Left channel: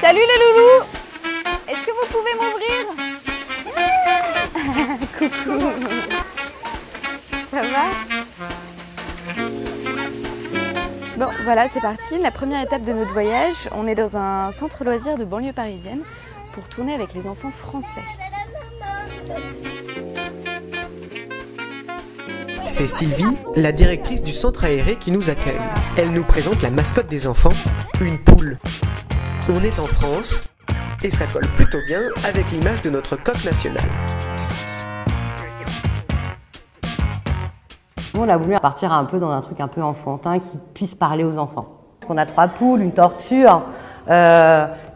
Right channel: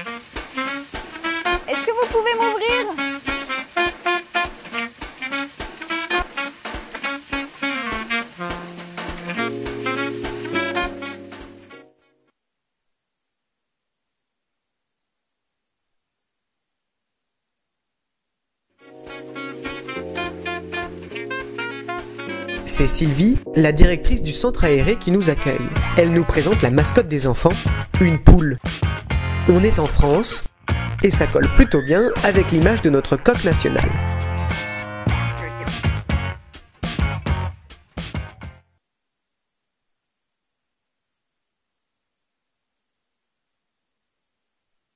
Salut les loulous! Est-ce que vous pouvez m'ouvrir? Coucou! Ça va? Bon, voilà, c'est parti. La première étape de notre voyage, on est dans un centre loisir de banlieue parisienne pour tourner avec les enfants français. C'est Sylvie, la directrice du centre aéré qui nous accueille. Elle nous présente la mascotte des enfants, une poule. On est en France et ça colle plutôt bien avec l'image de notre coq national. On a voulu partir un peu dans un truc un peu enfantin qui puisse parler aux enfants. On a 3 poules, une tortue. Il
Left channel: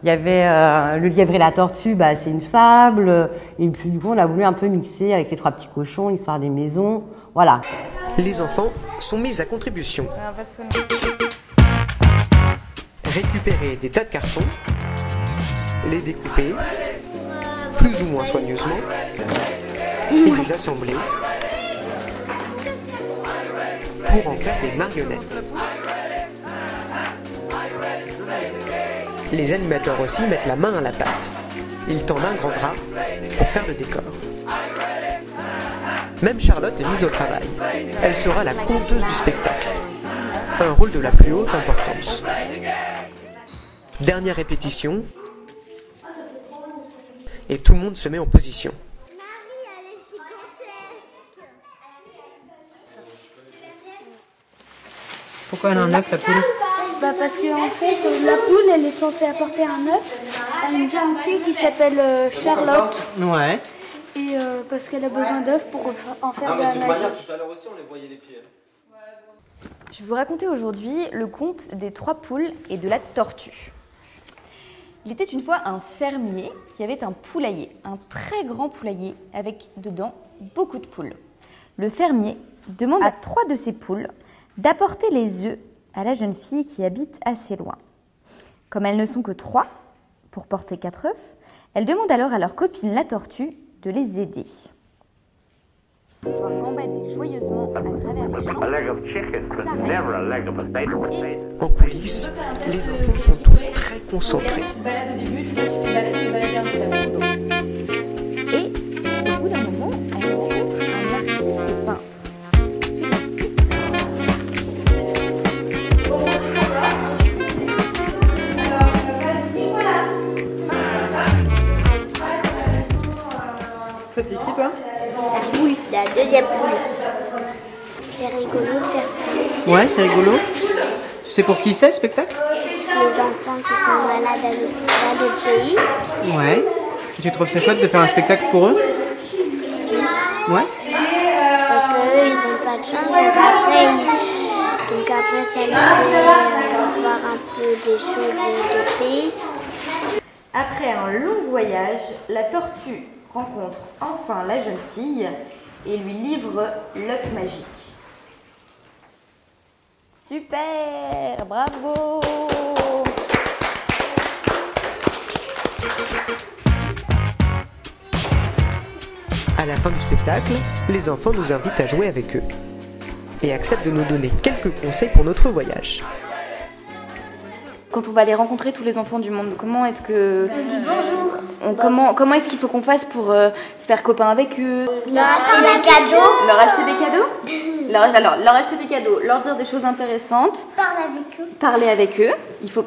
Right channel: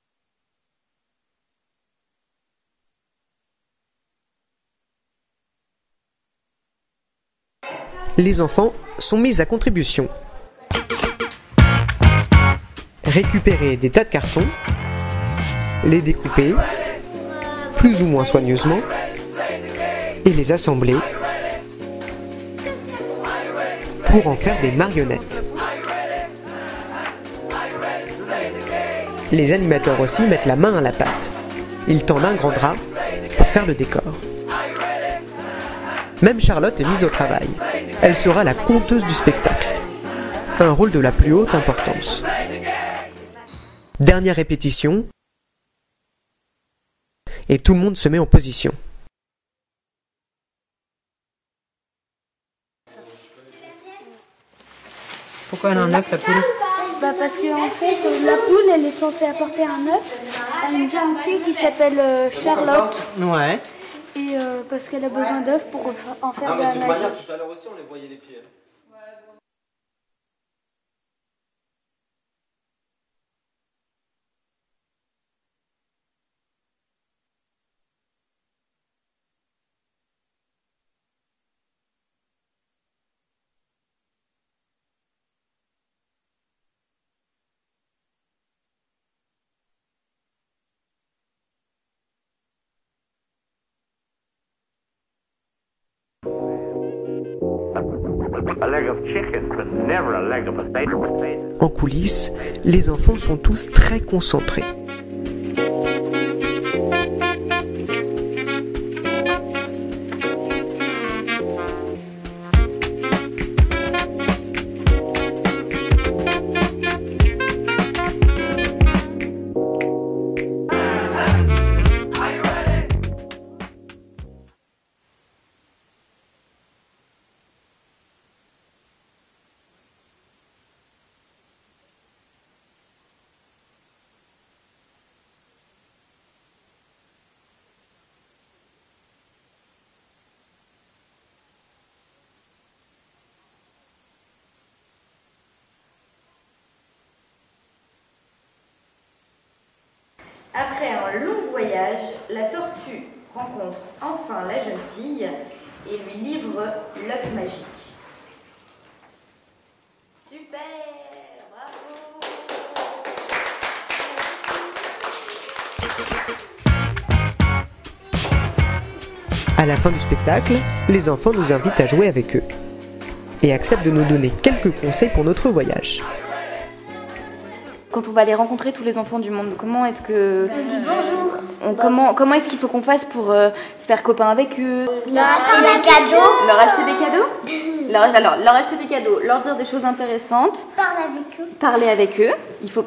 y avait le lièvre et la tortue, c'est une fable. Et puis du coup, on a voulu un peu mixer avec les 3 petits cochons, l'histoire des maisons. Voilà. Les enfants sont mis à contribution. Récupérer des tas de cartons, les découper, plus ou moins soigneusement, et les assembler pour en faire des marionnettes. Les animateurs aussi mettent la main à la pâte. Ils tendent un grand drap pour faire le décor. Même Charlotte est mise au travail. Elle sera la conteuse du spectacle. Un rôle de la plus haute importance. Dernière répétition. Et tout le monde se met en position. Pourquoi elle a un œuf, la poule? Parce qu'en fait, la poule, elle est censée apporter un œuf à une jeune fille qui s'appelle Charlotte. Ouais. Et parce qu'elle a besoin d'œufs pour en faire de la magie. Tout à l'heure aussi, on les voyait les pieds. Je vais vous raconter aujourd'hui le conte des 3 poules et de la tortue. Il était une fois un fermier qui avait un poulailler, un très grand poulailler avec dedans beaucoup de poules. Le fermier demande à 3 de ses poules d'apporter les œufs à la jeune fille qui habite assez loin. Comme elles ne sont que 3 pour porter 4 œufs, elle demande alors à leur copine la tortue de les aider. Ils sont gambadés joyeusement à travers les champs. En coulisses, les enfants sont tous très concentrés. T'es qui, toi? Oui, la deuxième poule. C'est rigolo de faire ça. Ouais, c'est rigolo. Tu sais pour qui c'est, le spectacle? Les enfants qui sont malades dans d'autres pays. Ouais. Et tu trouves ça chouette de faire un spectacle pour eux? Ouais. Parce qu'eux, ils n'ont pas de chance. Donc après ça les fait voir un peu des choses d'autres pays. Après un long voyage, la tortue rencontre enfin la jeune fille et lui livre l'œuf magique. Super, bravo! À la fin du spectacle, les enfants nous invitent à jouer avec eux et acceptent de nous donner quelques conseils pour notre voyage. Quand on va aller rencontrer tous les enfants du monde, comment est-ce que... Dis bonjour. Comment est-ce qu'il faut qu'on fasse pour se faire copain avec eux? Leur acheter des cadeaux. Leur acheter des cadeaux? Leur acheter des cadeaux, leur dire des choses intéressantes. Parler avec eux. Parler avec eux.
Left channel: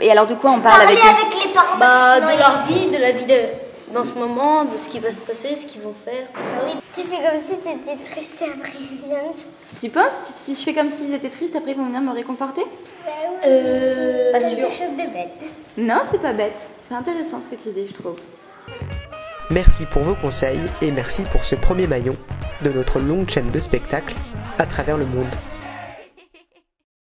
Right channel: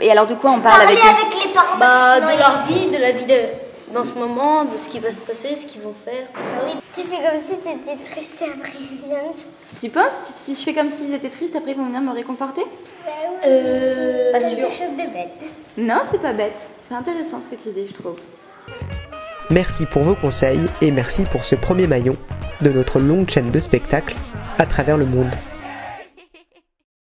Et alors de quoi on parle avec eux? Parler avec les parents. De leur vie, de la vie dans ce moment, de ce qui va se passer, ce qu'ils vont faire, tout ça. Oui. Tu fais comme si tu étais triste et après ils viennent. Tu penses? Si je fais comme s'ils étaient tristes, après ils vont venir me réconforter? Pas sûr. Quelque chose de bête. Non, c'est pas bête. C'est intéressant ce que tu dis, je trouve. Merci pour vos conseils et merci pour ce premier maillon de notre longue chaîne de spectacles à travers le monde.